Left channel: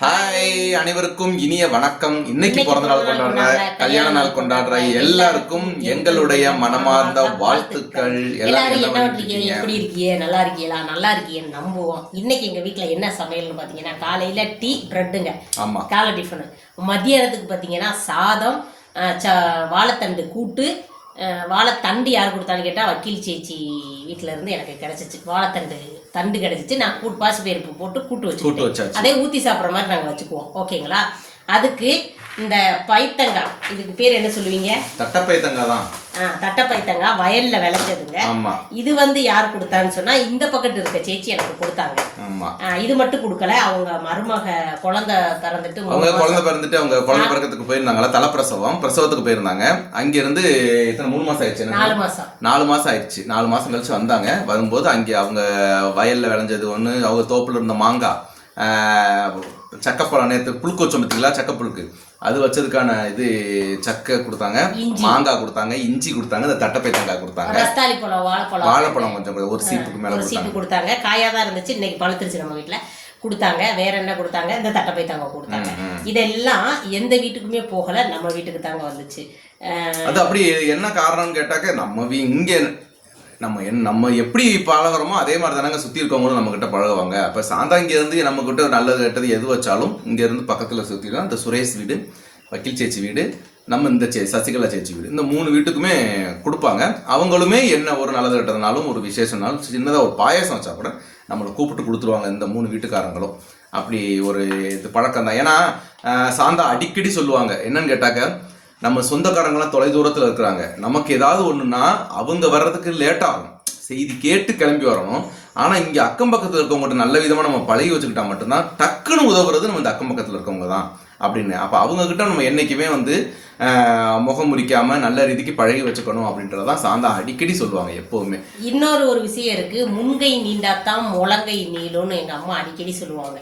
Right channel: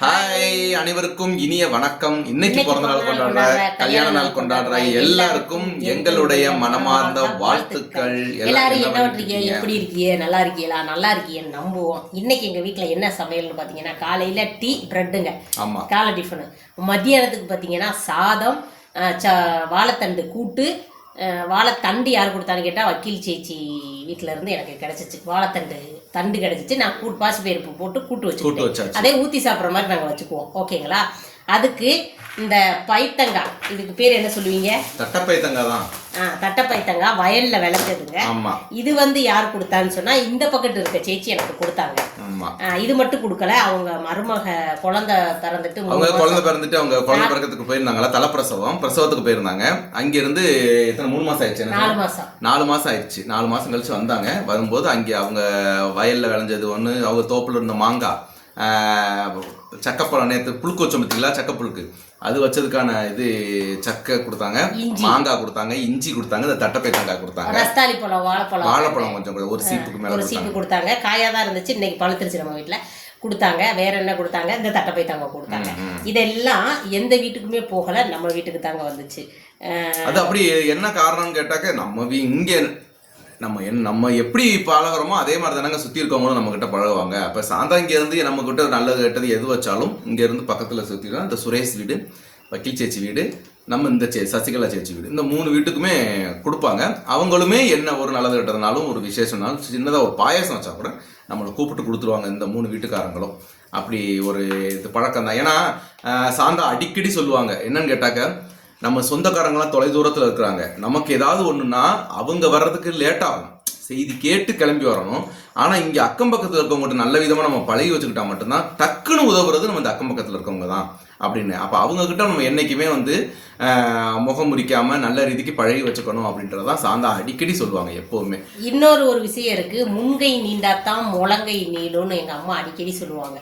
Hi அனைவருக்கும் இனிய வணக்கம். இன்னைக்கு பிறந்த நாள் கொண்டாடுற கல்யாண நாள் கொண்டாடுற எல்லாருக்கும் எங்களுடைய மனமார்ந்த வாழ்த்துக்கள். எல்லாரும் என்ன பண்ணிருக்கீங்க எப்படி இருக்கீங்க? நல்லா இருக்கீங்களா? நல்லா இருக்கீங்கன்னு நம்புவோம். இன்னைக்கு எங்க வீட்ல என்ன சமையல்னு பாத்தீங்கன்னா காலையில டீ பிரெட்டுங்க ஆமா. காலை டிஃபனு மத்தியானத்துக்கு பாத்தீங்கன்னா சாதம் வாழைத்தண்டு கூட்டு வாழைத்தண்டு யார் கொடுத்தான்னு கேட்டா வக்கீல் சேச்சி வீட்ல இருந்து எனக்கு கிடைச்சிச்சு. வாழைத்தண்டு. தண்டு கிடைச்சிச்சு. நான் கூட்டு பாசிப்பயிர்ப்பு போட்டு கூட்டு வச்சாச்சு. அதே ஊத்தி சாப்பிட்ற மாதிரி நாங்க வச்சுக்குவோம். ஓகேங்களா? அதுக்கு இந்த பைத்தங்காய் இதுக்கு பேர் என்ன சொல்லுவீங்க? தட்டப்பை தங்காய் தான் ஆ, தட்டை பைத்தங்காய் வயல்ல விளைச்சதுங்க ஆமா. இது வந்து யார் கொடுத்தான்னு சொன்னா இந்த பக்கத்து இருக்க சேச்சி எனக்கு கொடுத்தாங்க. இது மட்டும் கொடுக்கல. அவங்க மருமக குழந்தை பிறந்துட்டு அவங்க குழந்தை பிறந்துட்டு அவங்க குழந்தை பிறக்கிறதுக்கு போயிருந்தாங்களா தலைப்பிரசவம் பிரசவத்துக்கு போயிருந்தாங்க. அங்க இருந்து மூணு மாசம் ஆயிடுச்சு? நாலு மாசம். நாலு மாசம் ஆயிடுச்சு. நாலு மாசம் கழிச்சு வந்தாங்க. வரும்போது அங்கே அவங்க வயல்ல விளைஞ்சது ஒண்ணு அவங்க தோப்புல இருந்த மாங்காய் சக்கப்பழம் நேற்று புழுக்கு வச்சோம் பார்த்தீங்களா சக்கப்புழுக்கு அது வச்சதுக்கான இது சக்கை கொடுத்தாங்க. மாங்காய் கொடுத்தாங்க இஞ்சி கொடுத்தாங்க இந்த தட்டப்பை தேங்காய் கொடுத்தாங்க. ரஸ்தாளி பழம் வாழைப்பழம். வாழைப்பழம் கொஞ்சம் ஒரு சீப்புக்கு மேல ஒரு சீப்பு கொடுத்தாங்க. காயா தான் இருந்துச்சு. இன்னைக்கு பழுத்துருச்சு நம்ம வீட்ல. கொடுத்தாங்க. வேற என்ன கொடுத்தாங்க? இந்த தட்டை பைத்தங்காய் கொடுத்தாங்க இதெல்லாம் எந்த வீட்டுக்குமே போகல. நம்ம வீட்டுக்கு தாங்க வந்துச்சு. அது அப்படி என்ன காரணம்னு கேட்டாக்க நம்ம வீ- இங்க நம்ம என் நம்ம எப்படி பழகுறோமோ அதே மாதிரி தானங்க சுற்றி இருக்கவங்களும் நம்மக்கிட்ட பழகுவாங்க. அப்போ சாந்தா இங்கேருந்து நம்மக்கிட்ட நல்லது கெட்டது எது வச்சாலும் இங்கேருந்து பக்கத்தில் சுற்றினா இந்த சுரேஷ் வீடு வக்கீல் சேச்சி வீடு நம்ம இந்த சே சசிகலா சேச்சி வீடு இந்த மூணு வீட்டுக்குமே கொடுப்பாங்க. அவங்களுமே என்ன ஒரு நல்லது கெட்டதுனாலும் ஒரு விசேஷம்னாலும் சின்னதாக ஒரு பாயாசம் வச்சா கூட நம்மளை கூப்பிட்டு கொடுத்துருவாங்க இந்த மூணு வீட்டுக்காரங்களும். அப்படி ஒரு இது பழக்கம் தான் ஏன்னா சாந்தா அடிக்கடி சொல்லுவாங்க. என்னன்னு கேட்டாக்க நம்ம சொந்தக்காரங்களாம் தொலை தூரத்தில் இருக்கிறாங்க. நமக்கு ஏதாவது ஒன்றுன்னா அவங்க வர்றதுக்கு லேட் ஆகும். செய்தி கேட்டு கிளம்பி வரணும். ஆனால் இங்கே அக்கம் பக்கத்தில் இருக்கவங்ககிட்ட நல்ல விதமாக நம்ம பழகி வச்சுக்கிட்டா மட்டும்தான் டக்குன்னு உதவுறது நம்ம இந்த அக்கம் பக்கத்தில் இருக்கவங்க தான் அப்படின்னு. அப்போ அவங்கக்கிட்ட நம்ம என்றைக்குமே வந்து முகம் முறிக்காம நல்ல ரீதிக்கு பழகி வச்சுக்கணும் அப்படின்றதான் சாந்தா அடிக்கடி சொல்லுவாங்க எப்பவுமே. இன்னொரு ஒரு விஷயம் இருக்கு. முன்கை நீண்டாத்தான் முழங்கை நீளும்னு எங்க அம்மா அடிக்கடி சொல்லுவாங்க.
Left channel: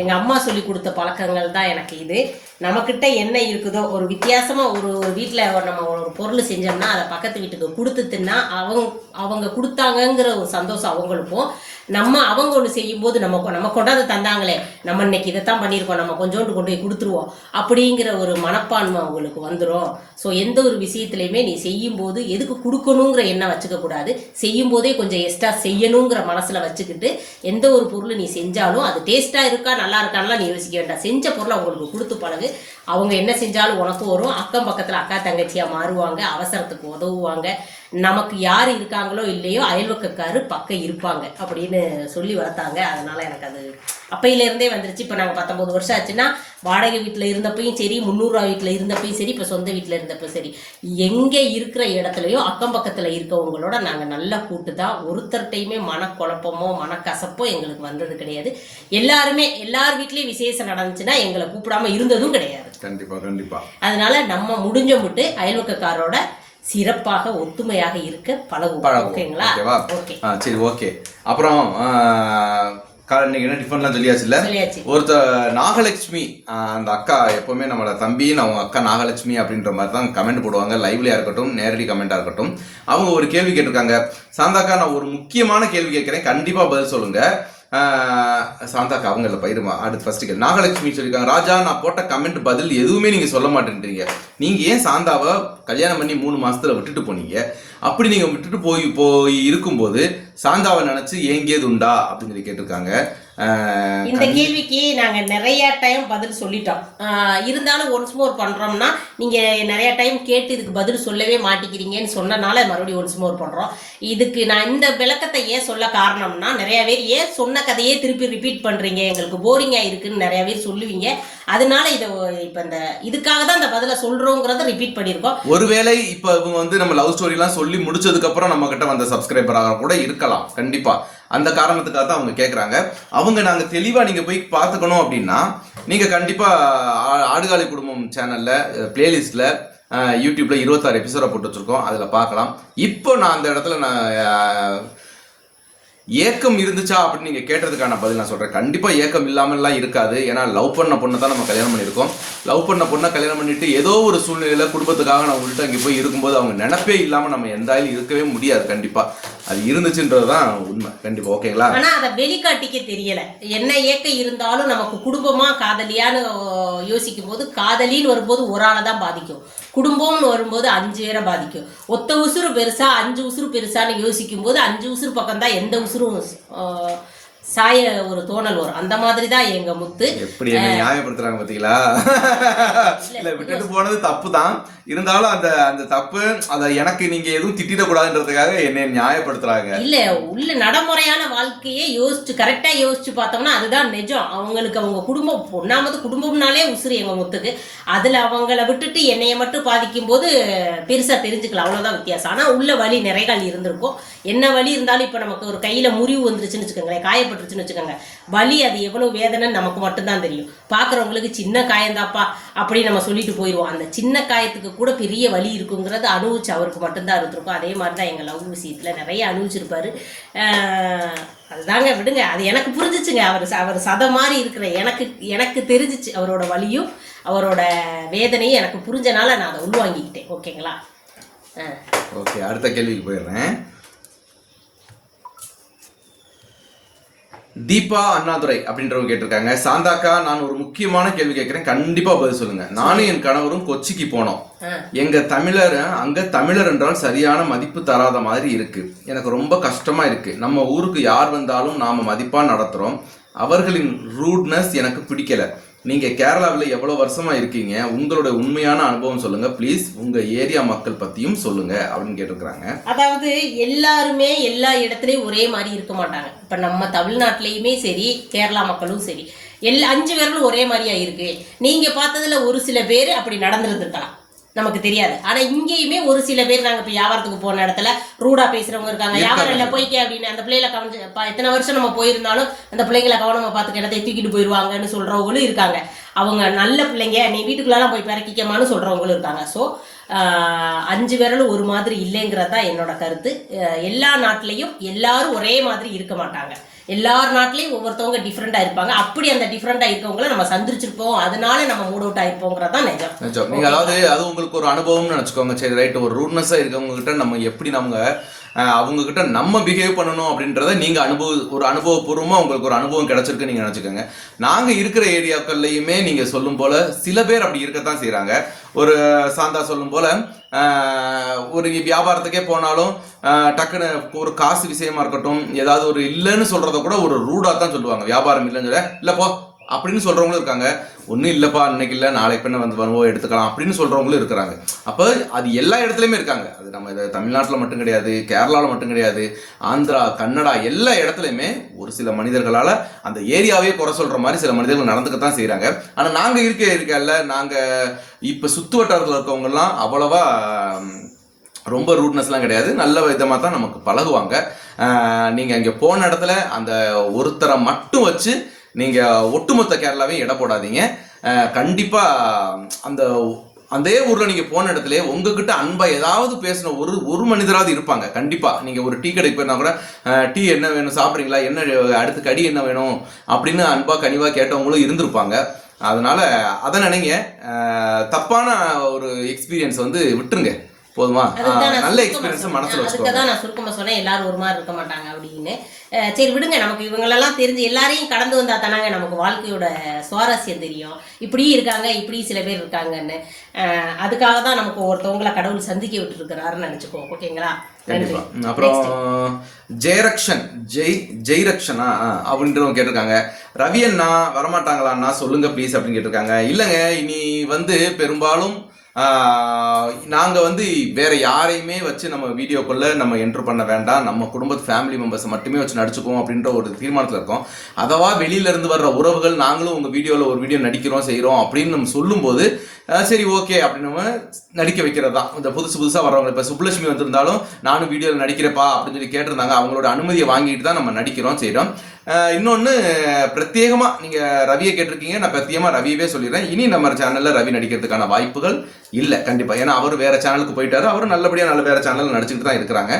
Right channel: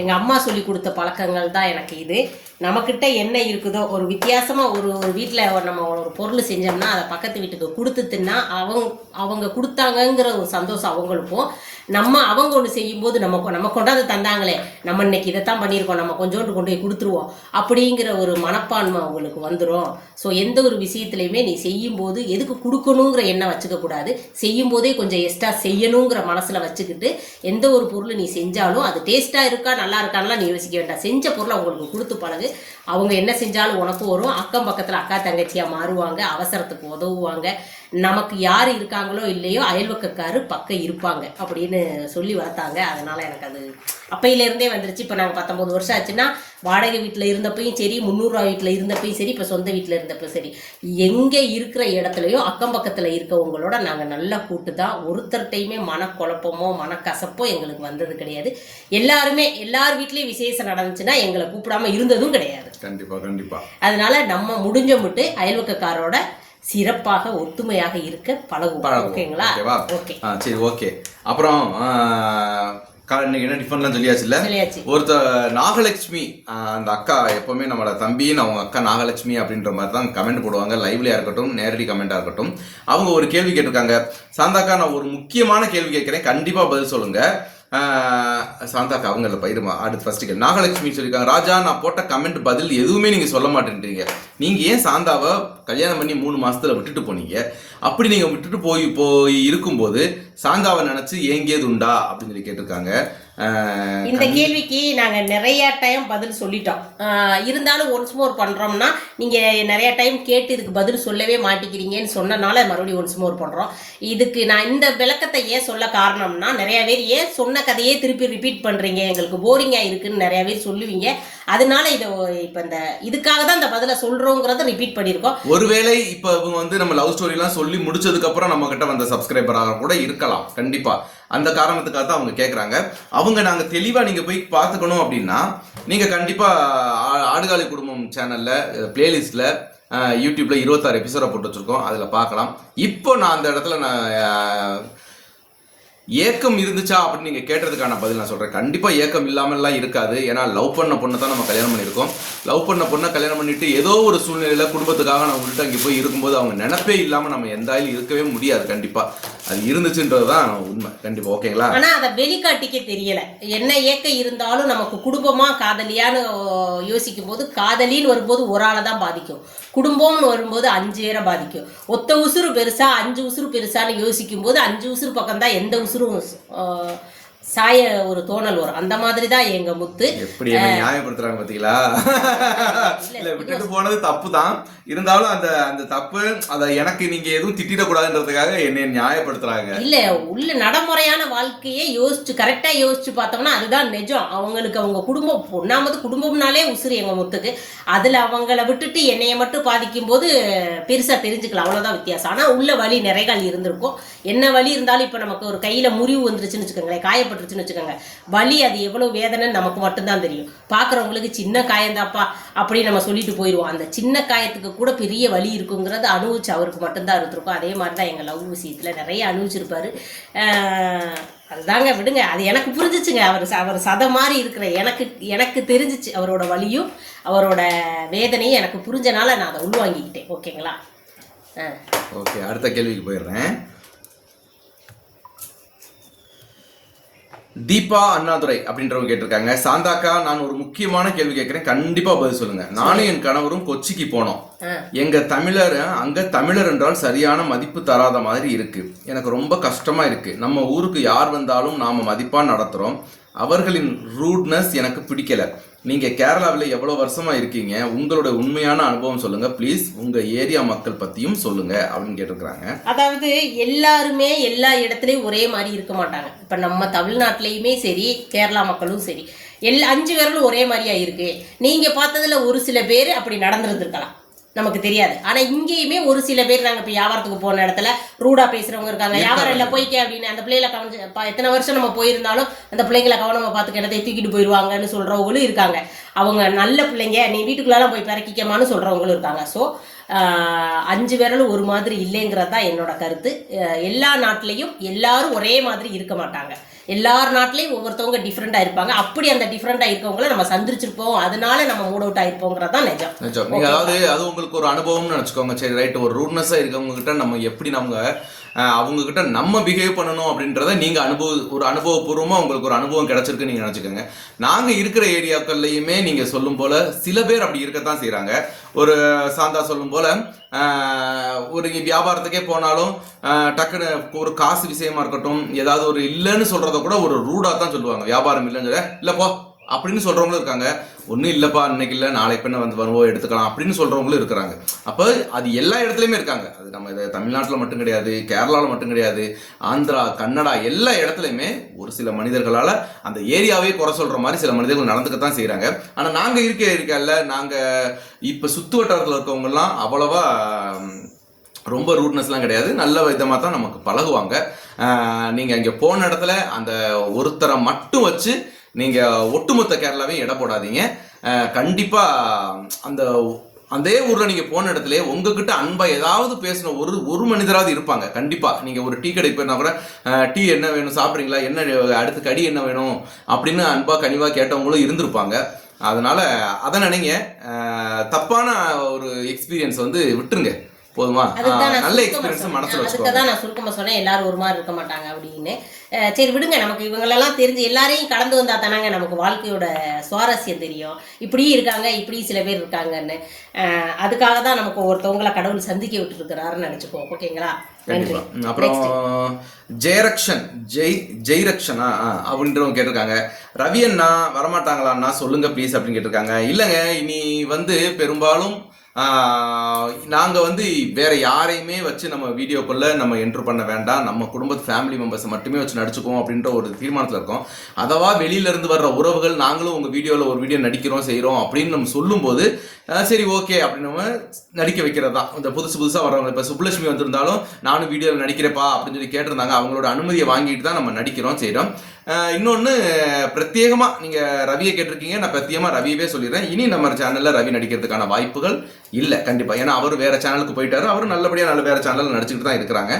எங்க அம்மா சொல்லி கொடுத்த பழக்கங்கள் தான் எனக்கு இது. நம்மக்கிட்ட என்ன இருக்குதோ ஒரு வித்தியாசமா ஒரு ஒரு வீட்டில் நம்ம ஒரு பொருள் செஞ்சோம்னா அதை பக்கத்து வீட்டுக்கு கொடுத்துட்டுன்னா அவங்க அவங்க கொடுத்தாங்கங்கிற ஒரு சந்தோஷம் அவங்களுக்கும். நம்ம அவங்க ஒன்று செய்யும்போது நம்ம நம்ம கொண்டாந்து தந்தாங்களே. நம்ம இன்னைக்கு இதைத்தான் பண்ணியிருக்கோம். நம்ம கொஞ்சோண்டு கொண்டு போய் கொடுத்துருவோம். அப்படிங்கிற ஒரு மனப்பான்மை அவங்களுக்கு வந்துடும் ஸோ எந்த ஒரு விஷயத்துலையுமே நீ செய்யும்போது எதுக்கு கொடுக்கணுங்கிற எண்ணம் வச்சுக்க கூடாது. செய்யும் போதே கொஞ்சம் எக்ஸ்ட்ரா செய்யணுங்கிற மனசுல வச்சுக்கிட்டு எந்த ஒரு பொருளை நீ செஞ்சாலும் அது டேஸ்டா இருக்கா நல்லா இருக்கான்லாம் நீ யோசிக்க வேண்டாம். செஞ்ச பொருளை அவங்களுக்கு கொடுத்து பழகு அவங்க என்ன செஞ்சாலும் உனக்கு வரும். அக்கம் பக்கத்துல அக்கா தங்கச்சியா மாறுவாங்க அவசரத்துக்கு உதவுவாங்க. நமக்கு யார் இருக்காங்களோ இல்லையோ அயல்வக்கக்காரு பக்கம் இருப்பாங்க அப்படின்னு சொல்லி வளர்த்தாங்க. அதனால எனக்கு அது அப்பையில இருந்தே வந்துருச்சு. இப்போ நாங்கள் பத்தொன்பது வருஷம் ஆச்சுன்னா வாடகை வீட்டில் இருந்தப்பையும் சரி முந்நூறுரூவா வீட்டில் இருந்தப்பையும் சரி இப்போ சொந்த வீட்டில் இருந்தப்ப சரி. எங்கே இருக்கிற இடத்துலையும் அக்கம் பக்கத்தில் இருக்கவங்களோட நாங்கள் நல்லா கூட்டு தான். ஒருத்தர்கிட்டையுமே மனக்குழப்பமோ மனக்கசப்போ எங்களுக்கு வந்தது கிடையாது. எல்லாருமே எல்லார் வீட்லேயும் விசேஷம் நடந்துச்சுன்னா எங்களை கூப்பிடாம இருந்ததும் கிடையாது. கண்டிப்பா கண்டிப்பா. அதனால நம்ம முடிஞ்ச முட்டு அயல்வக்கக்காரோட சிறப்பாக ஒத்துமையாக இருக்க பழகுவோம். ஓகேங்களா? சரி ஓகே. அப்புறம் ஆஹ், கா- இன்னைக்கு என்ன டிஃபன்லாம் சொல்லியாச்சு. ஒருத்தர் நாகலட்சுமி அந்த அக்கா எப்பவுமே நம்மள தம்பின்னு அவங்க அக்கா நாகலட்சுமி அப்படின்ற மாதிரி தான் கமெண்ட் போடுவாங்க. லைவ்லயா இருக்கட்டும் நேரடி கமெண்டா இருக்கட்டும். அவங்க ஒரு கேள்வி கேட்டிருக்காங்க. சாந்தாக்கா நான் ஒரு முக்கியமான கேள்வி கேட்கிறேன். கண்டிப்பா பதில் சொல்லுங்க. சாந்தாக்கா அவங்க இல்லை பயிருமா அடுத்து ஃபர்ஸ்ட் கேள்வி. நாகலட்சுமி சொல்லியிருக்காங்க. ராஜா நான் போட்ட கமெண்ட் பதில் எதுவுமே நீங்க சொல்ல மாட்டேன்றீங்க. நீங்க ஏன் சாந்தாவை கல்யாணம் பண்ணி மூணு மாசத்துல விட்டுட்டு போனீங்க? அப்படி நீங்கள் விட்டுட்டு போய் போய் இருக்கும்போது சாந்தாவை நினச்சி ஏங்கியது உண்டா அப்படின்னு சொல்லி கேட்டிருக்காங்க. இந்த கேள்விக்கு நாங்க நிறைய டைம் பதில் சொல்லிட்டோம். இருந்தாலும் ஒன்ஸ் மோர் பண்றோம்னா நீங்க நிறைய டைம் கேட்டு இதுக்கு பதில் சொல்லவே மாட்டேங்கிறீங்கன்னு சொன்னனால மறுபடியும் ஒன்ஸ் மோர் பண்றோம். இதுக்கு நான் இந்த விளக்கத்தை ஏன் சொல்ல காரணம்னா நிறைய பேர் ஏன் சொன்ன கதையே திருப்பி ரிப்பீட் பண்றீங்க எங்களுக்கு போரிங்கா இருக்குன்னு நிறைய பேர் சொல்லுவீங்க. அதனால இதை இப்ப இந்த இதுக்காக தான் இந்த பதிலை சொல்றோங்கிறத ரிப்பீட் பண்ணியிருக்கோம். ஒருவேளை இப்ப இவங்க வந்து நம்ம லவ் ஸ்டோரி எல்லாம் சொல்லி முடிச்சதுக்கு அப்புறம் நம்ம கிட்ட வந்த சப்ஸ்கிரைபராக கூட இருக்கலாம் கண்டிப்பா. அந்த காரணத்துக்காக தான் அவங்க கேட்குறாங்க அவங்க நாங்கள் தெளிவாக நீங்கள் போய் பார்த்துக்கணும் அப்படின்னா நீங்கள் கண்டிப்பாக ஆ- ஆடுகாலி குடும்பம் சேனலில் பிளேலிஸ்ட்ல யூடியூப்பில் இருபத்தாறு எபிசோட போட்டு வச்சுருக்கோம். அதில் பார்க்கலாம். இப்போ நான் அந்த இடத்துல நான் ஏக்கம் இருந்துச்சா அப்படின்னு நீங்க கேட்டதுக்கான பதில் நான் சொல்றேன். கண்டிப்பா ஏக்கம் இல்லாமல்லாம் இருக்காது. ஏன்னா லவ் பண்ண பொண்ணை தான் நம்ம கல்யாணம் பண்ணியிருக்கோம். லவ் பண்ண பொண்ணை கல்யாணம் பண்ணிட்டு ஏதோ ஒரு சூழ்நிலையில குடும்பத்துக்காக நம்ம விட்டு அங்கே போய் இருக்கும்போது அவங்க நினைப்பே இல்லாம நம்ம எந்த ஆயிலும் இருக்கவே முடியாது. கண்டிப்பா. அது இருந்துச்சுன்றதுதான் உண்மை. கண்டிப்பா ஓகேங்களா ஆனா அதை வெளிக்காட்டிக்க தெரியல. என்ன ஏக்கம் இருந்தாலும் நமக்கு குடும்பமா காதலியான்னு யோசிக்கும் போது காதலின்னு வரும்போது ஒரு ஆளை தான் பாதிக்கும். குடும்பம்னு வரும்போது அஞ்சு பேரை பாதிக்கும். ஒத்த உசுறு பெருசா அஞ்சு உசுறு பெருசான்னு யோசிக்கும் போது அஞ்சு உசுறு பக்கம் தான் எந்த உசுரும் சாய ஒரு தோணல் வரும். அந்த மாதிரி தான் எங்க முத்து. எப்படி என்ன நியாயப்படுத்துறாங்க பாத்தீங்களா? இல்ல விட்டுட்டு போனது தப்பு தான் இருந்தாலும் அந்த அந்த தப்பு அத எனக்கு நீங்க எதுவும் திட்டிடக்கூடாதுன்றதுக்காக என்னை நியாயப்படுத்துறாங்க. இல்ல உள்ள நடைமுறையான வாழ்க்கையே யோசிச்சு கரெக்டா யோசிச்சு பார்த்தோம்னா அதுதான் நிஜம். அவங்களுக்கு அவங்க குடும்பம் ஒன்னாமது குடும்பம்னாலே உசுறு எங்க முத்துக்கு. அதுல அவங்கள விட்டுட்டு என்னைய மட்டும் பாதிக்கும் போது பெருசா தெரிஞ்சுக்கலாம் அவ்வளவுதான் வித்தியாசம். ஆனா உள்ள வலி நிறைகள் இருந்திருக்கும். என்ன வலி இருந்தாலும் இப்ப நமக்கு ஒரு கையில் முறிவு வந்துருச்சுன்னு வச்சுக்கோங்களேன் காயப்பட்டுருச்சுன்னு வச்சுக்கோங்க. வலி அது எவ்வளவு வேதனைன்னு நமக்கு மட்டும்தான் தெரியும். பார்க்குறவங்களுக்கு சின்ன காயந்தாப்பா அப்படின்னு நம்ம சொல்லிட்டு போயிடுவோம் அந்த சின்ன காயத்துக்கு கூட பெரிய வலி இருக்குங்கிறது அனுபவிச்சு அவருக்கு மட்டும்தான் இருந்திருக்கும். அதே மாதிரி தான் எங்க லவ் விஷயத்துல நிறைய அனுபவிச்சிருப்பாரு. அதுதாங்க விடுங்க. அது எனக்கு புரிஞ்சிச்சுங்க. அவர் அவர் சத மாதிரி இருக்கிற எனக்கு எனக்கு தெரிஞ்சிச்சு அவரோட வலியும் அவரோட வேதனையும் எனக்கு புரிஞ்சனால நான் அதை உள்வாங்கிக்கிட்டேன். ஓகேங்களா? ஓகே அடுத்த கேள்விக்கு போயிடுறேன். தீபா அண்ணாதுரை அப்படின்றவங்க கேட்டிருக்காங்க. சாந்தாக்கா நான் ஒரு முக்கியமான கேள்வி கேட்கிறேன். கண்டிப்பா பதில் சொல்லுங்க. நானும் என் கணவரும் கொச்சிக்கு போனோம். எங்க தமிழர் அங்க தமிழர் என்றால் சரியான மதிப்பு தராத மாதிரி இருக்கு. எனக்கு ரொம்ப கஷ்டமா இருக்கு. நம்ம ஊருக்கு யார் வந்தாலும் நாம மதிப்பா நடத்துறோம். அவர்களின் ரூட்னஸ் எனக்கு பிடிக்கல. நீங்க கேரளாவில் எவ்வளவு வருஷமா இருக்கீங்க? உங்களோட உண்மையான அனுபவம் சொல்லுங்க. ப்ளீஸ் உங்க ஏரியா மக்கள் பத்தியும் சொல்லுங்க அப்படின்னு கேட்டிருக்கிறாங்க. அதாவது எல்லாருமே எல்லா இடத்துலயும் ஒரே மாதிரி இருக்க மாட்டாங்க. இப்ப நம்ம தமிழ்நாட்டிலயுமே சரி கேரளா மக்களும் சரி. எல்லா அஞ்சு பேர்களும் ஒரே மாதிரியா இருக்கு. நீங்க பார்த்ததுல ஒரு சில பேர் அப்படி நடந்திருந்திருக்கலாம். நமக்கு தெரியாது. ஆனா இங்கேயுமே ஒரு சில பேர் நாங்க இப்ப வியாபாரத்துக்கு போன இடத்துல ரூடா பேசுறவங்க இருக்காங்க. வியாபாரம் இல்ல போய்க்க அப்படின்னு அந்த பிள்ளைகளை கவனிச்சு எத்தனை வருஷம் நம்ம போயிருந்தாலும் அந்த பிள்ளைங்களை கவனமா பார்த்து கிடத்தை தூக்கிட்டு போயிருவாங்கன்னு சொல்றவங்களும் இருக்காங்க. அவங்க நல்ல பிள்ளைங்க நீ வீட்டுக்குள்ளலாம் போய் பிறக்கிக்கமான்னு சொல்றவங்களும் இருக்காங்க. ஸோ அஞ்சு விரலும் ஒரு மாதிரி இல்லைங்கிறது தான் என்னோட கருத்து. எல்லா நாட்டிலையும் எல்லாரும் ஒரே மாதிரி இருக்க மாட்டாங்க. எல்லார் நாட்டிலையும் ஒவ்வொருத்தவங்க டிஃப்ரெண்டா இருப்பாங்க. அப்படி அந்த டிஃப்ரெண்டா இருக்கவங்கள நம்ம சந்திச்சிருப்போம். அதனால நம்ம மூட் அவுட் ஆயிருப்போங்கிறது தான் நிஜம். நிஜம். நீங்க அதாவது அது உங்களுக்கு ஒரு அனுபவம்னு நினைச்சுக்கோங்க. சரி ரைட் ஒரு ரூட்னஸா இருக்கவங்க கிட்ட நம்ம எப்படி நம்ம அவங்க கிட்ட நம்ம பிஹேவ் பண்ணணும் அப்படின்றத நீங்க அனுபவ ஒரு அனுபவபூர்வமா உங்களுக்கு ஒரு அனுபவம் கிடைச்சிருக்கு நீங்க நினைச்சுக்கோங்க. நாங்க இருக்கிற ஏரியாக்கள்லயுமே நீங்க சொல்லும் போல சில பேர் அப்படி இருக்கத்தான் செய்றாங்க. ஒரு சாந்தா சொல்லும் போல ஒரு வியாபாரத்துக்கே போனாலும் டக்குன்னு ஒரு காசு விஷயமா இருக்கட்டும் ஏதாவது ஒரு இல்லைன்னு சொல்றத கூட ஒரு ரூடா தான் சொல்லுவாங்க. வியாபாரம் இல்லைன்னு சொல்ல இல்ல போ. அப்படின்னு சொல்கிறவங்களும் இருக்காங்க. ஒன்றும் இல்லைப்பா இன்னைக்கு இல்லை நாளைக்கு பின்ன வந்து வருவோம் எடுத்துக்கலாம் அப்படின்னு சொல்கிறவங்களும் இருக்கிறாங்க. அப்போ அது எல்லா இடத்துலையுமே இருக்காங்க. அது நம்ம இது தமிழ்நாட்டில் மட்டும் கிடையாது கேரளாவில் மட்டும் கிடையாது ஆந்திரா கன்னடா எல்லா இடத்துலையுமே ஒரு சில மனிதர்களால் அந்த ஏரியாவே குறை சொல்கிற மாதிரி சில மனிதர்கள் நடந்துக்க தான் செய்கிறாங்க ஆனால் நாங்கள் இருக்க இருக்கல நாங்கள் இப்போ சுற்று வட்டாரத்தில் இருக்கவங்கலாம் அவ்வளவா ரொம்ப ரூட்னஸ்லாம் கிடையாது. நல்ல விதமாக தான் நமக்கு பழகுவாங்க. நீங்கள் அங்கே போன இடத்துல அந்த ஒருத்தரை மட்டும் வச்சு நீங்க ஒட்டுமொத்த கேரளாவையும் எடை போடாதீங்க. ஆஹ் கண்டிப்பா அந்த அதே ஊர்ல நீங்க போன இடத்துல உங்ககிட்ட அன்பா ஏதாவது பேசின ஒரு ஒரு மனிதராவது இருப்பாங்க. கண்டிப்பா. நீங்க ஒரு டீ கடைக்கு போயிருந்தா கூட டீ என்ன வேணும் சாப்பிட்றீங்களா? என்ன அடுத்து கடி என்ன வேணும்? அப்படின்னு அன்பா கனிவா கேட்டவங்களும் இருந்திருப்பாங்க. அதனால அதை நினைங்க. தப்பான ஒரு எக்ஸ்பீரியன்ஸ் வந்து விட்டுருங்க. போதுமா? நல்ல எக்ஸ்பீரியன்ஸை. மனசுல வச்சுக்கோங்க. நான் சுருக்கமா சொன்னேன் எல்லாரும் ஒரு மாதிரி இருக்க மாட்டாங்க அப்படின்னு. சரி விடுங்க. நமக்கு இவங்களெல்லாம் தெரிஞ்சு எல்லாரையும் கடந்து வந்தா தானாங்க நமக்கு வாழ்க்கையோட சுவாரஸ்யம் தெரியும். இப்படி இருக்காங்க இப்படி சில பேர் இருக்காங்கன்னு. அதுக்காக தான் நமக்கு ஒருத்தவங்களை கடவுள் சந்திக்க விட்டுருக்கிறாருன்னு நினைச்சுக்கோ ஓகேங்களா? அப்புறம் ஜெயரக்ஷன் ஜெய் ஜெய்ரக்ஷனா? அப்படின்றவங்க கேட்டிருக்காங்க. ரவி அண்ணா வரமாட்டாங்களாண்ணா? சொல்லுங்க ப்ளீஸ் அப்படின்னு கேட்டிருக்காங்க. இல்லைங்க இனி வந்து பெரும்பாலும் நாங்கள் வந்து வேற யாரையுமே வச்சு நம்ம வீடியோக்குள்ளே நம்ம என்ட்ரு பண்ண வேண்டாம். நம்ம குடும்பத்து ஃபேமிலி மெம்பர்ஸ் மட்டுமே வச்சு நடிச்சுக்குவோம் அப்படின்ற ஒரு தீர்மானத்தில் இருக்கோம். அதவா வெளியிலேருந்து வர்ற உறவுகள் நாங்களும் உங்கள் வீடியோவில் ஒரு வீடியோ நடிக்கிறோம் செய்கிறோம் அப்படின்னு நம்ம சொல்லும்போது சரி ஓகே அப்படின்னு நம்ம நடிக்க வைக்கிறது? தான் இந்த புதுசு புதுசாக வரவங்க இப்போ சுப்புலட்சுமி வந்திருந்தாலும் நானும் வீடியோவில் நடிக்கிறப்பா அப்படின்னு சொல்லி கேட்டிருந்தாங்க. அவங்களோட அனுமதியை வாங்கிட்டு தான் நம்ம நடிக்கிறோம் செய்கிறோம் இன்னொன்று பிரத்யேகமாக நீங்கள் ரவியை கேட்டிருக்கீங்க. நான் பிரத்யேகமாக ரவியவே சொல்லிடுறேன். இனி நம்ம சேனலில் ரவி நடிக்கிறதுக்கான வாய்ப்புகள் இல்லை கண்டிப்பாக ஏன்னா அவர் வேறு சேனலுக்கு போயிட்டாரு. அவர் நல்லபடியாக நல்ல வேறு சேனலில் நடிச்சுட்டு தான் இருக்கிறாங்க.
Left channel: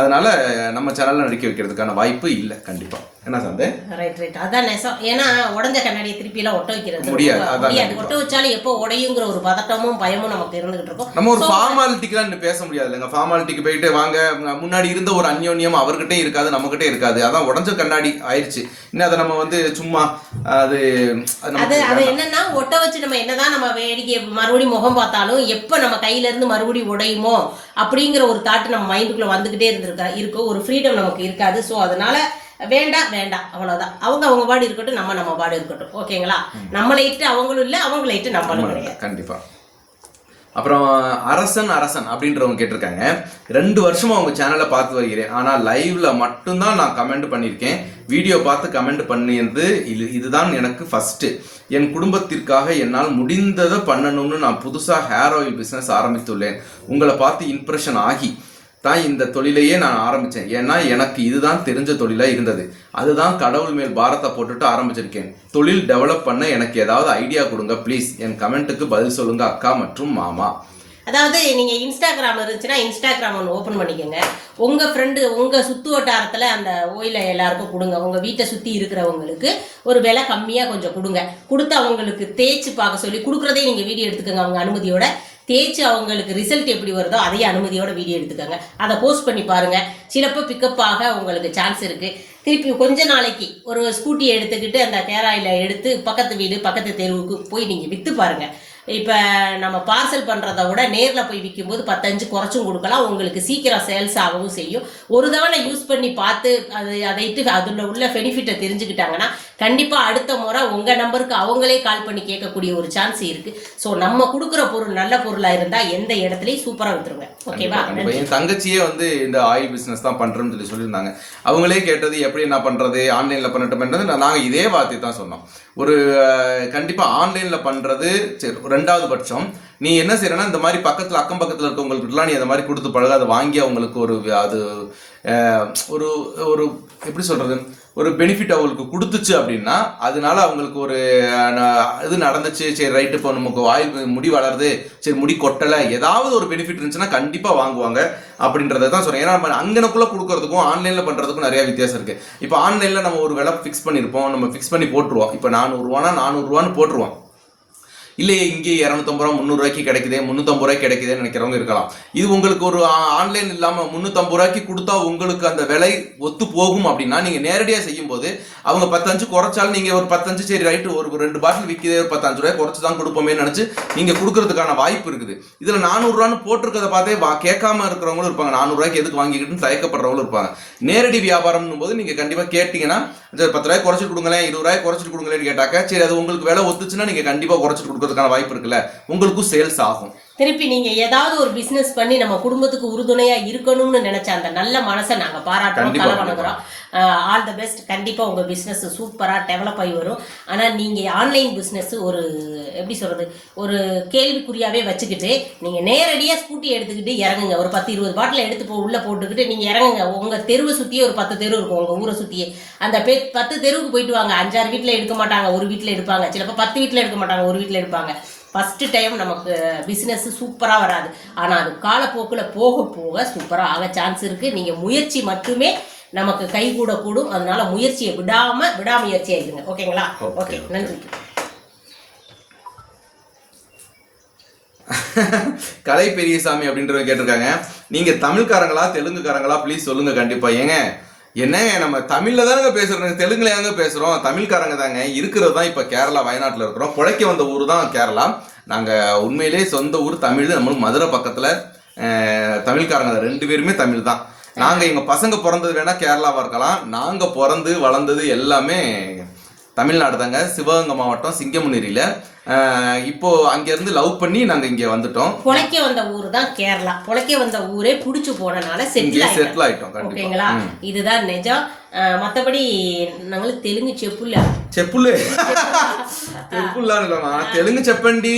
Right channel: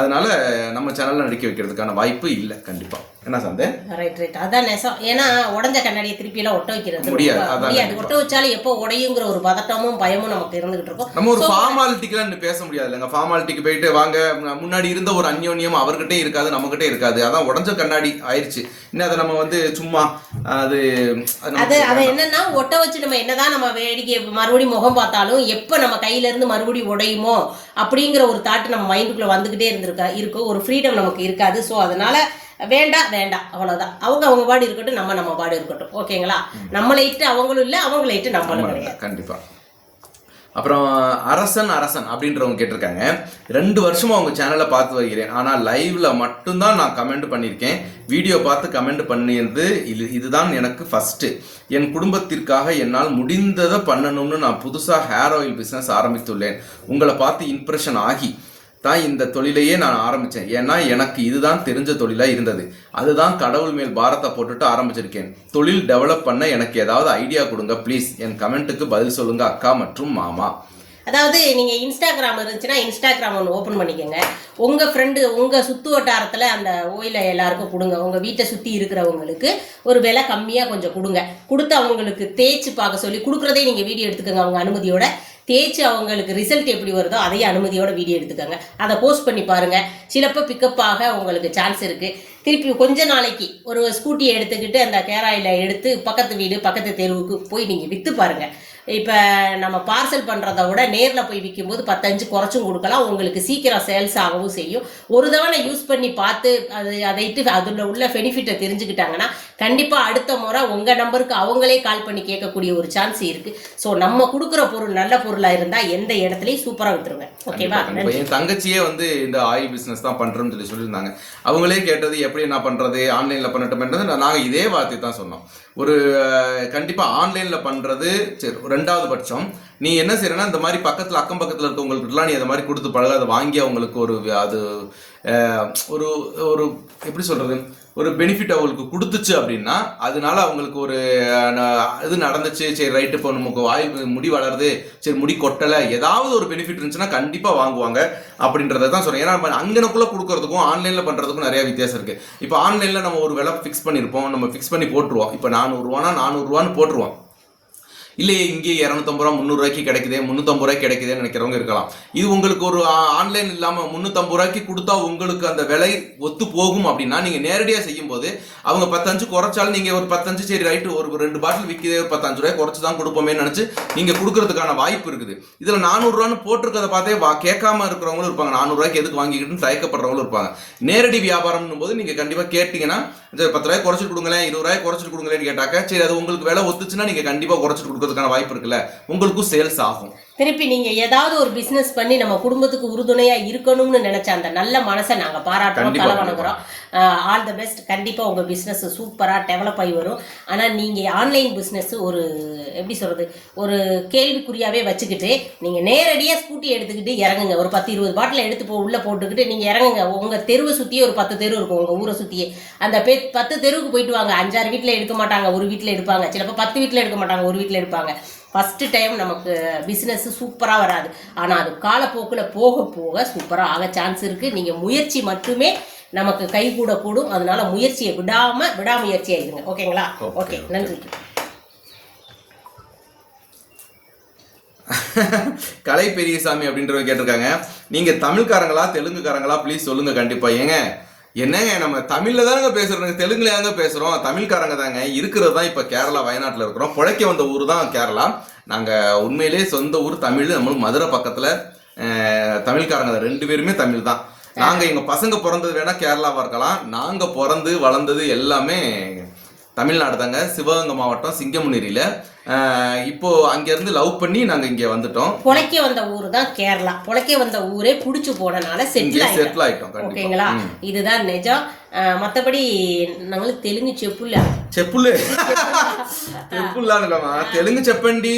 அதனால் நம்ம சேனலில் நடிக்க வைக்கிறதுக்கான வாய்ப்பு இல்லை கண்டிப்பாக என்ன சந்தே? ரைட் ரைட் அதான் நெசம். ஏன்னா உடஞ்ச கண்ணாடியை திருப்பி எல்லாம் ஒட்ட வைக்கிறது. முடியாது, அதான். ஒட்ட வச்சாலும் எப்போ உடையுங்கிற ஒரு பதட்டமும் பயமும் நமக்கு இருந்துகிட்டு இருக்கும். நம்ம ஒரு ஃபார்மாலிட்டிக்கெல்லாம் இன்னும் பேச முடியாது இல்லைங்க ஃபார்மாலிட்டிக்கு போயிட்டு வாங்க முன்னாடி இருந்த ஒரு அந்யோன்யம் அவர்கிட்டே இருக்காது நம்மகிட்டே இருக்காது. அதான் உடஞ்ச கண்ணாடி ஆயிடுச்சு இன்னும் அதை நம்ம வந்து சும்மா அது அது. என்னன்னா ஒட்ட வச்சு நம்ம என்னதான் நம்ம வேடிக்கை மறுபடியும் முகம் பார்த்தாலும் எப்ப நம்ம கையில இருந்து மறுபடியும் உடையுமோ அப்படிங்கிற ஒரு தாட் நம்ம மைண்டுக்குள்ள வந்துகிட்டே இருந்திருக்கா இருக்கும் ஒரு ஃப்ரீடம் நமக்கு இருக்காது. ஸோ அதனால வேண்டாம் வேண்டாம் அவ்வளவுதான். அவங்க அவங்க பாடு இருக்கட்டும் நம்ம நம்ம பாடு இருக்கட்டும். ஓகேங்களா? நம்மளை இட்டு அவங்களும் இல்லை அவங்கள இட்டு நம்மளும் கிடையாது. கண்டிப்பா. அப்புறம் அரசன் அரசன் அப்படின்றவங்க கேட்டிருக்காங்க. ரெண்டு வருஷமா உங்க சேனலை பார்த்து வருகிறேன். ஆனா லைவ்ல மட்டும்தான் நான் கமெண்ட் பண்ணியிருக்கேன். வீடியோ பார்த்து கமெண்ட் பண்ணியது இது இதுதான் எனக்கு ஃபர்ஸ்ட் என் குடும்பத்திற்காக என்னால் முடிந்ததை பண்ணணும்னு நான் புதுசா ஹேர் ஆயில் பிசினஸ் ஆரம்பித்துள்ளேன். உங்களை பார்த்து இம்ப்ரெஷன் ஆகி தான் இந்த தொழிலையே நான் ஆரம்பித்தேன் ஏன்னா எனக்கு இதுதான் தெரிஞ்ச தொழிலாக இருந்தது. அதுதான் கடவுள் மேல் பாரத்தை போட்டுட்டு ஆரம்பிச்சிருக்கேன். தொழில் டெவலப் பண்ண எனக்கு ஏதாவது ஐடியா கொடுங்க ப்ளீஸ் என் கமெண்ட்டுக்கு பதில் சொல்லுங்க அக்கா மற்றும் மாமா. அதாவது நீங்கள் இன்ஸ்டாகிராம் இருந்துச்சுன்னா இன்ஸ்டாகிராம் ஒன்று ஓப்பன் பண்ணிக்கோங்க. உங்கள் ஃப்ரெண்டு உங்கள் சுற்று வட்டாரத்தில் அந்த ஓயில எல்லாருக்கும் கொடுங்க. உங்கள் வீட்டை சுற்றி இருக்கிறவங்களுக்கு ஒரு விலை கம்மியாக கொஞ்சம் கொடுங்க. கொடுத்து அவங்களுக்கு தேய்ச்சி பார்க்க சொல்லி கொடுக்குறதே நீங்கள் வீடியோ எடுத்துக்கோங்க. அவங்க அனுமதியோட தேய்ச்சி அவங்களுக்கு ரிசல்ட் எப்படி வருதோ அதையே அனுமதியோட வீடியோ எடுத்துக்கோங்க. அதை போஸ்ட் பண்ணி பாருங்க. சிலப்போ பிக்கப் ஆக உங்களுக்கு சான்ஸ் இருக்கு. திருப்பி கொஞ்ச நாளைக்கு ஒரு ஸ்கூட்டியை எடுத்துக்கிட்டு அந்த கேராயில எடுத்து பக்கத்து வீடு பக்கத்து தெருவுக்கு போய் நீங்கள் விற்று பாருங்க. இப்போ நம்ம பார்சல் பண்ணுறத விட நேரில் போய் விற்கும்போது பத்தஞ்சு குறைச்சும் கொடுக்கலாம். உங்களுக்கு சீக்கிரம் சேல்ஸ் ஆகவும் செய்யும். ஒரு தவணை யூஸ் பண்ணி பார்த்து அது அதைட்டு அதில் உள்ள பெனிஃபிட்டை தெரிஞ்சுக்கிட்டாங்கன்னா கண்டிப்பாக அடுத்த முறை உங்கள் நம்பருக்கு அவங்களே கால் பண்ணி கேட்கக்கூடிய ஒரு சான்ஸ் இருக்குது ஸோ நம்ம கொடுக்குற பொருள் நல்ல பொருளாக இருந்தால் எந்த இடத்துலையும் சூப்பராக விட்டுருங்க ஓகேவா. என் தங்கச்சியே வந்து இந்த ஆயில் பிசினஸ் தான் பண்றேன்னு சொல்லி சொல்லியிருந்தாங்க. அவங்களே கேட்டது எப்படி நான் பண்ணுறது ஆன்லைனில் பண்ணட்டும்ன்றது நான் இதே வார்த்தை தான் சொன்னோம். ஒரு கண்டிப்பாக ஆன்லைனில் பண்ணுறது சரி ரெண்டாவது பட்சம் நீ என்ன செய்யறனா இந்த மாதிரி பக்கத்துல அக்கம் பக்கத்துல இருக்கவங்களுக்குலாம் நீ அந்த மாதிரி கொடுத்து பழக. அதை வாங்கி அவங்களுக்கு ஒரு அது ஒரு ஒரு எப்படி சொல்றது? ஒரு பெனிஃபிட் அவங்களுக்கு கொடுத்துச்சு அப்படின்னா அதனால அவங்களுக்கு ஒரு ந- இது நடந்துச்சு. சரி ரைட்டு இப்போ நமக்கு வாய் முடி வளருது. சரி முடி கொட்டலை. ஏதாவது ஒரு பெனிஃபிட் இருந்துச்சுன்னா கண்டிப்பாக வாங்குவாங்க அப்படின்றத தான் சொல்கிறேன் ஏன்னா நம்ம அங்கனக்குள்ளே கொடுக்குறதுக்கும் ஆன்லைனில் பண்ணுறதுக்கும் நிறைய வித்தியாசம் இருக்குது இப்போ ஆன்லைனில் நம்ம ஒரு விலை ஃபிக்ஸ் பண்ணியிருப்போம் நம்ம ஃபிக்ஸ் பண்ணி போட்டுருவோம். இப்போ நானூறுரூவானா நானூறுரூவான்னு போட்டுருவோம். இல்லையே இங்கே இரநூத்தம்பது ரூபா முந்நூறுரூவாய்க்கு கிடைக்குதே முந்நூற்றம்பது ரூபாய்க்கு கிடைக்குதுன்னு நினைக்கிறவங்க இருக்கலாம். இது உங்களுக்கு ஒரு ஆன்லைன் இல்லாமல் முந்நூற்றம்பது ரூபாய்க்கு கொடுத்தா உங்களுக்கு அந்த விலை ஒத்து போகும் அப்படின்னா நீங்கள் நேரடியாக செய்யும்போது அவங்க பத்தஞ்சு குறைச்சாலும் நீங்கள் ஒரு பத்தஞ்சு சரி ரைட்டு ஒரு ரெண்டு பாட்டில் விற்கிதே ஒரு பத்தஞ்சு ரூபாய் குறைச்சி தான் கொடுப்போமே நினச்சி நீங்கள் கொடுக்கறதுக்கான வாய்ப்பு இருக்குது. இதில் நானூறுரூவான்னு போட்டிருக்கதை பார்த்தே வா கேட்காம இருக்கிறவங்களும் இருப்பாங்க. நானூறுரூவாய்க்கு எதுக்கு வாங்கிக்கிட்டுன்னு தயக்கப்படுறவங்களும் இருப்பாங்க. நேரடி வியாபாரம்னு போது நீங்கள் கண்டிப்பாக கேட்டிங்கன்னா பத்து ரூபாய் குறைச்சிட்டு கொடுங்களேன் இருபது ரூபாய் குறைச்சிட்டு கொடுங்களேன்னு கேட்டாக்கா சரி அது உங்களுக்கு விலை ஒத்துச்சுன்னா நீங்கள் கண்டிப்பாக குறைச்சிட்டு கொடுக்கறதுக்கான வாய்ப்பு இருக்குல்ல? உங்களுக்கும் சேல்ஸ் ஆகும். திருப்பி நீங்க ஏதாவது ஒரு பிசினஸ் பண்ணி நம்ம குடும்பத்துக்கு உறுதுணையா இருக்கணும்னு நினைச்ச அந்த நல்ல மனசை நாங்க கண்டிப்பா, தலை வணங்குறோம். ஆல் த பெஸ்ட் கண்டிப்பா உங்க பிசினஸ் சூப்பரா டெவலப் ஆகி வரும். ஆனா நீங்க ஆன்லைன் பிசினஸ் ஒரு எப்படி சொல்றது ஒரு கேள்விக்குறியாவே வச்சுக்கிட்டு நீங்க நேரடியா ஸ்கூட்டி எடுத்துக்கிட்டு இறங்குங்க. ஒரு பத்து இருபது பாட்டில் எடுத்து போ உள்ள போட்டுக்கிட்டு நீங்க இறங்குங்க. உங்க தெருவை சுத்தியே ஒரு பத்து தெரு இருக்கும் உங்க ஊரை சுத்தியே. அந்த பெ பத்து தெருவுக்கு போயிட்டு வாங்க. அஞ்சாறு வீட்ல எடுக்க மாட்டாங்க ஒரு வீட்ல எடுப்பாங்க. சிலப்போ பத்து வீட்ல எடுக்க மாட்டாங்க ஒரு வீட்ல எடுப்பாங்க. ஃபஸ்ட்டு டைம் நமக்கு பிஸ்னஸ் சூப்பராக வராது. ஆனால் அது காலப்போக்கில் போக போக சூப்பராக ஆக சான்ஸ் இருக்குது நீங்கள் முயற்சி மட்டுமே நமக்கு கை கூட கூடும் அதனால முயற்சியை விடாம விடாமுயற்சியா இருங்க ஓகேங்களா? ஓகே நன்றி. கலை பெரியசாமி அப்படின்றவங்க கேட்டிருக்காங்க. நீங்க தமிழ்காரங்களா தெலுங்குக்காரங்களா ப்ளீஸ் சொல்லுங்க கண்டிப்பா. ஏங்க என்னங்க நம்ம தமிழ்ல தாங்க பேசுறோம் தெலுங்குலையாங்க ஏங்க பேசுறோம் தமிழ்காரங்க தாங்க. இருக்கிறது தான் இப்ப கேரளா வயநாட்டுல இருக்கிறோம். பிழைக்க வந்த ஊர் தான் கேரளா. நாங்க உண்மையிலேயே சொந்த ஊர் தமிழ் நம்மளும் மதுரை பக்கத்துல தமிழ்காரங்க ரெண்டு பேருமே தமிழ் தான். நாங்க எங்க பசங்க பிறந்தது வேணா கேரளாவா இருக்கலாம். நாங்க பிறந்து வளர்ந்தது எல்லாமே தமிழ்நாடு தாங்க சிவகங்கை மாவட்டம் சிங்கமுனேரியில். இப்போ அங்க இருந்து லவ் பண்ணி நாங்க இங்க வந்துட்டோம். புழைக்க வந்த ஊர் தான் கேரளா. புழைக்க வந்த ஊரே புடிச்சு போனனால செட்டில் செட்டில் ஆயிட்டோம். ஓகேங்களா? இதுதான் நிஜம். மத்தபடி நாங்களும் தெலுங்கு செப்புல்ல? செப்புல்லு. செப்புல்லாம் இல்லைம்மா. தெலுங்கு செப்பண்டி.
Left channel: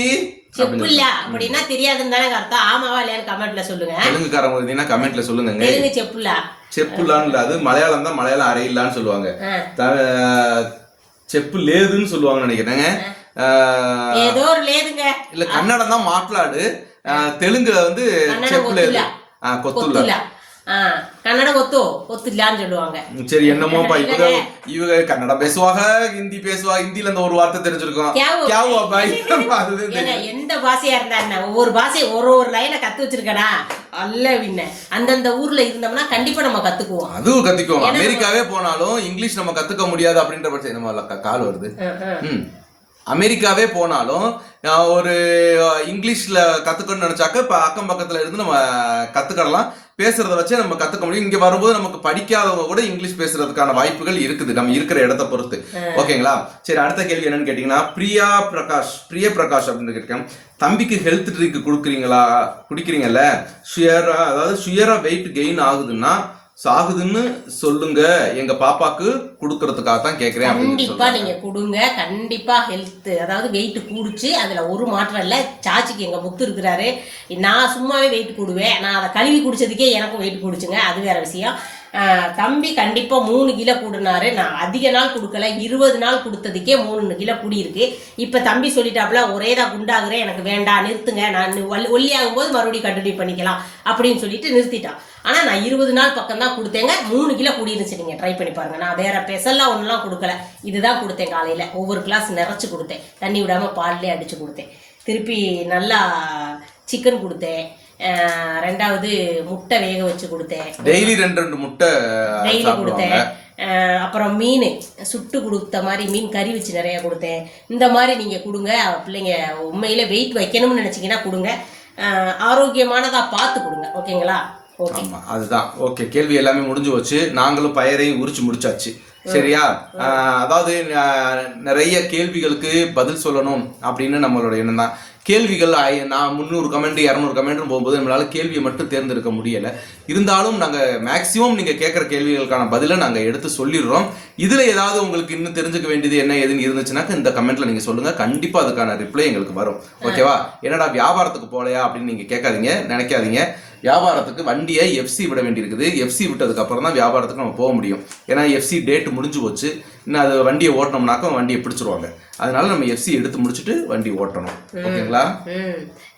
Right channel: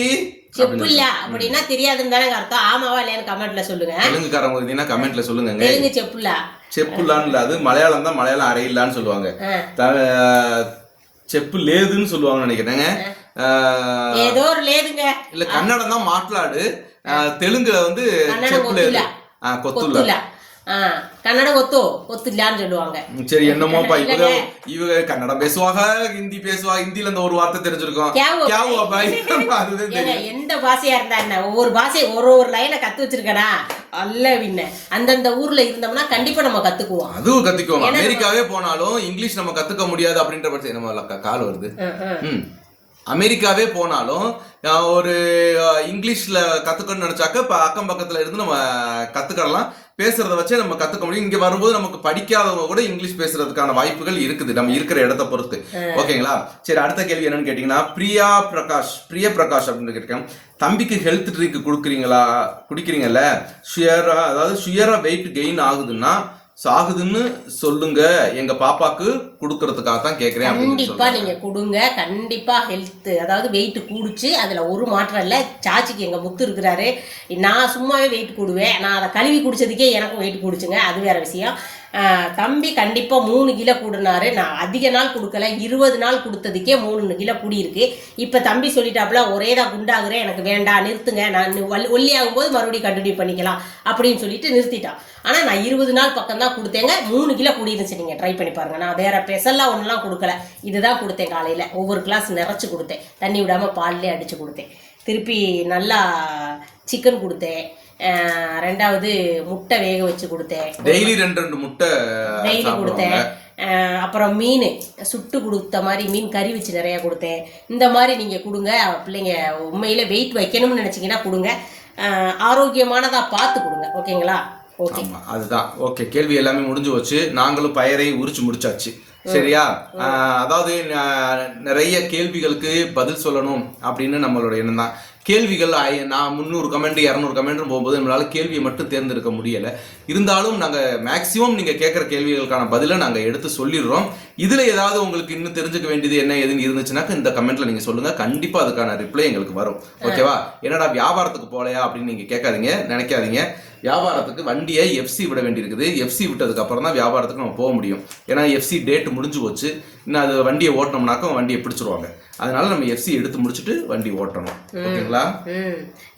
செப்புல்ல அப்படின்னா தெரியாதுன்னு தானே அர்த்தம். ஆமாவா இல்லையான்னு கமெண்ட்ல சொல்லுங்க. தெலுங்கு தெலுங்குக்காரங்க இருந்தீங்கன்னா கமெண்ட்ல சொல்லுங்க தெலுங்கு செப்புல்லா. செப்புல்லான்னு அது மலையாளம் தான் மலையாளம் அறையில்லான்னு சொல்லுவாங்க. செப்பு லேதுன்னு சொல்லுவாங்க நினைக்கிறேங்க. ஆ, ஏதோ ஒரு லேதுங்க. இல்ல கன்னடம் தான் மாట్లాடு தெலுங்குல வந்து செப்பு லேது. ஒத்துலா. ಕನ್ನಡ ಗೊತ್ತು ಗೊತ್ತಿಲ್ಲ ಅಂತ ಹೇಳುವಾಂಗ சரி என்னமோப்பா இவங்க இவங்க கன்னடம் பேசுவாங்க ஹிந்தி பேசுவா ஹிந்தில அந்த ஒரு வார்த்தை தெரிஞ்சிருக்கும். எந்த பாஷையா இருந்தா என்ன? ஒவ்வொரு பாஷையை ஒரு ஒரு லைனை கத்து வச்சிருக்கனா? அல்ல பின்ன அந்தந்த ஊர்ல இருந்தோம்னா கண்டிப்பா நம்ம கத்துக்குவோம். அதுவும் கத்துக்கோங்க அமெரிக்காவே போனாலும் இங்கிலீஷ் நம்ம கத்துக்க முடியாது அப்படின்ற பட்சம் நம்ம கால் வருது. அஹ், அமெரிக்காவே போனாலும் ஒரு இங்கிலீஷ்ல கத்துக்கணும்னு நினைச்சாக்க இப்ப அக்கம் பக்கத்துல இருந்து நம்ம கத்துக்கலாம் பேசுறத வச்சே நம்ம கத்துக்க முடியும். இங்க வரும்போது நமக்கு படிக்காதவங்க கூட இங்கிலீஷ் பேசுறதுக்கான வாய்ப்புகள் இருக்குது. நம்ம இருக்கிற இடத்த பொறுத்து. ஓகேங்களா? சரி அடுத்த கேள்வி என்னன்னு கேட்டீங்கன்னா பிரியா பிரகாஷ் பிரிய பிரகாஷ் அப்படின்னு கேட்டேன் தம்பிக்கு ஹெல்த் ட்ரிங்க் கொடுக்குறீங்களா? குடிக்கிறீங்கல்ல? சுயரா அதாவது சுயரா வெயிட் கெயின் ஆகுதுன்னா சாகுதுன்னு சொல்லுங்க எங்க பாப்பாக்கு கொடுக்கறதுக்காக தான் கேக்குறேன் கண்டிப்பா நீங்க கொடுங்க. கண்டிப்பா ஹெல்த் அதாவது வெயிட் கூடுச்சு. அதுல ஒரு மாற்றம் இல்ல. சாச்சிக்கு எங்க முத்து இருக்கிறாரு. நான் சும்மாவே வெயிட் கூடுவேன். நான் அதை கழுவி குடிச்சதுக்கே எனக்கும் வெயிட் கூடுச்சுங்க. அது வேற விஷயம். தம்பி கண்டிப்பாக மூணு கிலோ கூடுனாரு. நான் அதிக நாள் கொடுக்கல. இருபது நாள் கொடுத்ததுக்கே மூணு கிலோ கூடியிருக்கு. இப்போ தம்பி சொல்லிட்டாப்புல ஒரே தான் குண்டாகுறேன். எனக்கு வேண்டாம் நிறுத்துங்க. நான் ஒல்லியாகும் போது மறுபடியும் கண்டினியூ பண்ணிக்கலாம் அப்படின்னு சொல்லிட்டு நிறுத்திட்டான் ஆனால் நான் இருபது நாள் பக்கம் தான் கொடுத்தேங்க. மூணு கிலோ கூடியிருந்துச்சு. நீங்கள் ட்ரை பண்ணி பாருங்க. நான் வேற பெசல்லாம் ஒன்றுலாம் கொடுக்கல. இதுதான் கொடுத்தேன் காலையில். ஒவ்வொரு கிளாஸ் நிறைச்சு கொடுத்தேன். தண்ணி விடாமல் பால்லே அடித்து கொடுத்தேன். திருப்பி நல்லா சிக்கன் கொடுத்தேன். ரெண்டாவது முட்டை வேக வச்சு கொடுத்தேன். டெய்லி ரெண்டு ரெண்டு முட்டை டெய்லி கொடுத்தேன். அப்புறம் மீன் சுட்டு கொடுத்த மாதிரி மீன் கறி வச்சு நிறைய கொடுத்தேன். இந்த மாதிரி நீங்க கொடுங்க பிள்ளைங்க உண்மையில வெயிட் வைக்கணும்னு நினைச்சீங்கன்னா கொடுங்க. ஆரோக்கியமானதா பார்த்து கொடுங்க. ஓகேங்களா? ஓகே. ஆமா அதுதான். ஓகே கேள்வி எல்லாமே முடிஞ்சு போச்சு. நாங்களும் பயிரையும் உரிச்சு முடிச்சாச்சு. சரியா? அதாவது நிறைய கேள்விகளுக்கு பதில் சொல்லணும் அப்படின்னு நம்மளோட எண்ணம் தான். கேள்விகள் நான் முந்நூறு கமெண்ட் இரநூறு கமெண்ட்னு போகும்போது நம்மளால் கேள்வியை மட்டும் தேர்ந்தெடுக்க முடியலை. இருந்தாலும் நாங்கள் மேக்சிமம் நீங்கள் கேட்குற கேள்விகளுக்கான பதிலை நாங்கள் எடுத்து சொல்லிடுறோம். இதில் ஏதாவது உங்களுக்கு இன்னும் தெரிஞ்சுக்க வேண்டியது என்ன ஏதுன்னு இருந்துச்சுனாக்கா இந்த கமெண்ட்டில் நீங்கள் சொல்லுங்கள் கண்டிப்பாக அதுக்கான ரிப்ளை எங்களுக்கு வரும். ஓகேவா என்னடா வியாபாரத்துக்கு போலையா அப்படின்னு நீங்கள் கேட்காதீங்க நினைக்காதீங்க. வியாபாரத்துக்கு வண்டியை எஃப்சி விட வேண்டியிருக்குது. எஃப்சி விட்டதுக்கு அப்புறம் தான் வியாபாரத்துக்கு நம்ம போக முடியும். ஏன்னா எஃப்சி டேட் முடிஞ்சு போச்சு. இன்னும் அது வண்டியை ஓட்டினோம்னாக்கா வண்டியை பிடிச்சிருவாங்க. அதனால நம்ம எஃப்சி எடுத்து முடிச்சுட்டு வண்டி ஓட்டணும். ஓகேங்களா?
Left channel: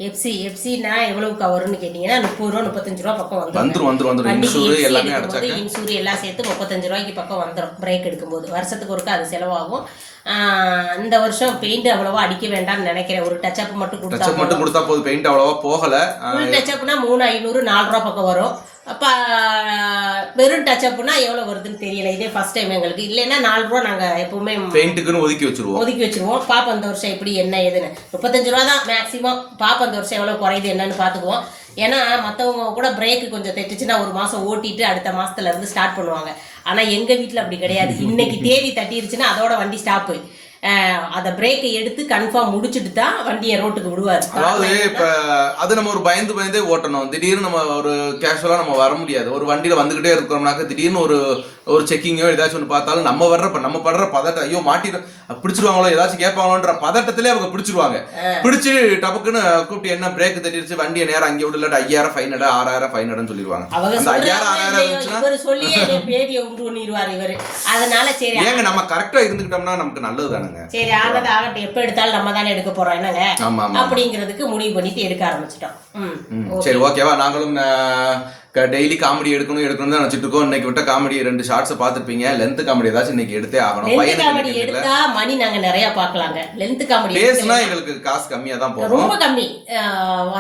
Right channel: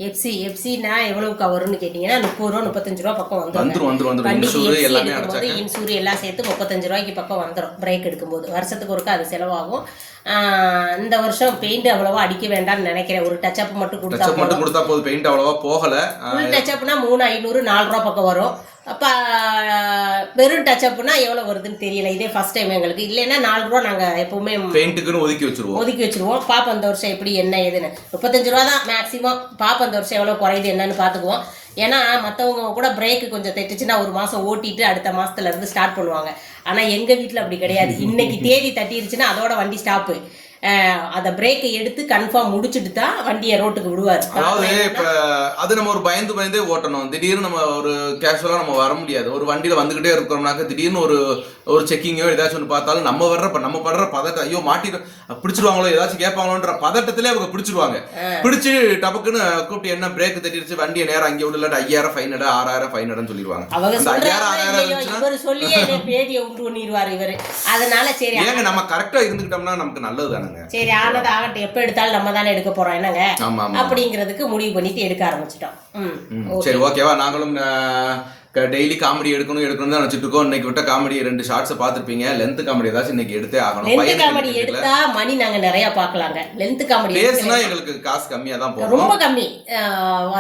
எஃப்சி எஃப்சினா எவ்வளவுக்கு வரும்னு கேட்டீங்கன்னா முப்பது ரூபா முப்பத்தஞ்சு ரூபா பக்கம் வந்துரும் வந்துரும் வந்துரும். வந்துரும் இன்சூர் எல்லாமே அடைச்சாக்க. இன்சூர் எல்லாம் சேர்த்து முப்பத்தஞ்சு ரூபாய்க்கு பக்கம் வந்துடும் பிரேக் எடுக்கும்போது. வருஷத்துக்கு ஒருக்கா அது செலவாகும். இந்த வருஷம் பெயிண்ட் அவ்வளவா அடிக்க வேண்டாம்னு நினைக்கிறேன். ஒரு டச்சப் மட்டும் கொடுத்தா மட்டும் கொடுத்தா போதும். பெயிண்ட் அவ்வளவா போகல. ஃபுல் டச்சப்னா மூணு ஐநூறு நாலு ரூபா பக்கம் வரும். அப்போ வெறும் டச்சப்னா எவ்வளோ வருதுன்னு தெரியல. இதே ஃபர்ஸ்ட் டைம் எங்களுக்கு. இல்லைன்னா நாலு ரூபா நாங்கள் எப்பவுமே பெயிண்ட்டுக்குன்னு ஒதுக்கி வச்சிருவோம். ஒதுக்கி வச்சிருவோம். பாப்போம் அந்த வருஷம் எப்படி என்ன ஏதுன்னு முப்பத்தஞ்சு ரூபா தான் மேக்ஸிமம் பாப்போம் அந்த வருஷம் எவ்வளோ குறையுது என்னன்னு பார்த்துக்குவோம் ஏன்னா மற்றவங்க கூட பிரேக் கொஞ்சம் தைச்சிச்சுன்னா ஒரு மாதம் ஓட்டிட்டு அடுத்த மாசத்துல இருந்து ஸ்டார்ட் பண்ணுவாங்க. ஆனால் எங்கள் வீட்டில் அப்படி கிடையாது. இன்னைக்கு தேதி தட்டிருச்சுன்னா அதோட வண்டி ஸ்டாப்பு அதை பிரேக்கை எடுத்து கன்ஃபார்ம் முடிச்சுட்டு தான் வண்டியை ரோட்டுக்கு விடுவார். அதாவது இப்ப அது நம்ம ஒரு பயந்து பயந்தே ஓட்டணும். திடீர்னு நம்ம ஒரு கேஷுவலா நம்ம வர முடியாது. ஒரு வண்டியில வந்துகிட்டே இருக்கிறோம்னாக்க திடீர்னு ஒரு ஒரு செக்கிங்கோ ஏதாச்சும் ஒன்று பார்த்தாலும் நம்ம வர்ற நம்ம படுற பதட்டம் ஐயோ மாட்டிடும் பிடிச்சிருவாங்களோ ஏதாச்சும் கேட்பாங்களோன்ற பதட்டத்திலே அவங்க பிடிச்சிருவாங்க. பிடிச்சு டபக்குன்னு கூப்பிட்டு என்ன பிரேக் தட்டிடுச்சு வண்டியை நேரம் அங்கே விடல ஐயாயிரம் ஃபைன் எடு ஆறாயிரம் ஃபைன் எடுன்னு சொல்லிடுவாங்க. அந்த ஐயாயிரம் ஆறாயிரம் சொல்லியே பண்ணிடுவார் இவர். அதனால சரி ஏங்க நம்ம கரெக்டா இருந்துக்கிட்டோம்னா நமக்கு நல்லது தானுங்க. சரி ஆகட்டும் ஆகட்டும். எப்ப எடுத்தாலும் நம்ம தானே எடுக்க போறோம். என்னங்க? அப்படிங்கிறதுக்கு முடிவு பண்ணிட்டு எடுக்க ஆரம்பிச்சிட்டோம். சரி ஓகேவா? நாங்களும் டெய்லி காமெடி எடுக்கணும் எடுக்கணும் தான் நினைச்சிட்டு இருக்கோம். இன்னைக்கு விட்ட காமெடி ரெண்டு ஷார்ட்ஸை பார்த்துருப்பீங்க. லென்த் காமெடி ஏதாச்சும் இன்னைக்கு எடுத்தே ஆகணும். காமெடி எடுத்தா மணி நாங்க நிறைய பார்க்கலாங்க. லென்த் காமெடி பேசுனா எங்களுக்கு காசு கம்மியா தான் போகும். ரொம்ப கம்மி.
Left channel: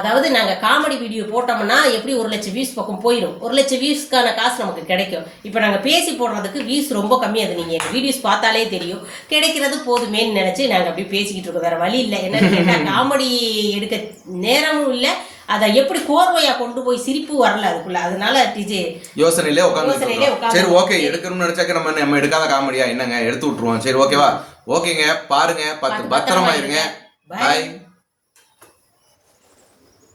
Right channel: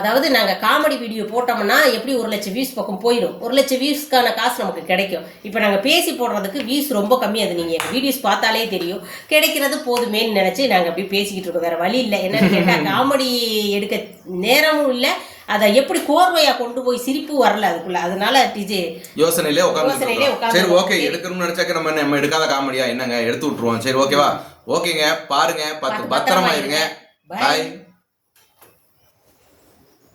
அதாவது நாங்க காமெடி வீடியோ போட்டோம்னா எப்படி ஒரு லட்சம் வியூஸ் பக்கம் போயிடும் ஒரு லட்சம் வியூஸ்க்கான காசு நமக்கு கிடைக்கும். இப்போ நாங்க பேசி போடுறதுக்கு வியூஸ் ரொம்ப கம்மி. அது நீங்க வீடியோஸ் பார்த்தாலே தெரியும். கிடைக்கிறது போதுமேன்னு நினைச்சு நாங்க அப்படியே பேசிக்கிட்டு இருக்கோம். வேற வழி இல்லை. என்னன்னு கேட்டா காமெடி எடுக்க நேரமும் இல்லை அதை எப்படி கோர்வையா கொண்டு போய் சிரிப்பு வரல அதுக்குள்ள. அதனால டிஜே யோசனையிலே உட்காந்து சரி ஓகே எடுக்கணும்னு நினைச்சாக்க நம்ம நம்ம எடுக்காத காமெடியா என்னங்க? எடுத்து விட்டுருவோம். சரி ஓகேவா ஓகேங்க. பாருங்க. பத்து பத்திரமா இருங்க. பாய்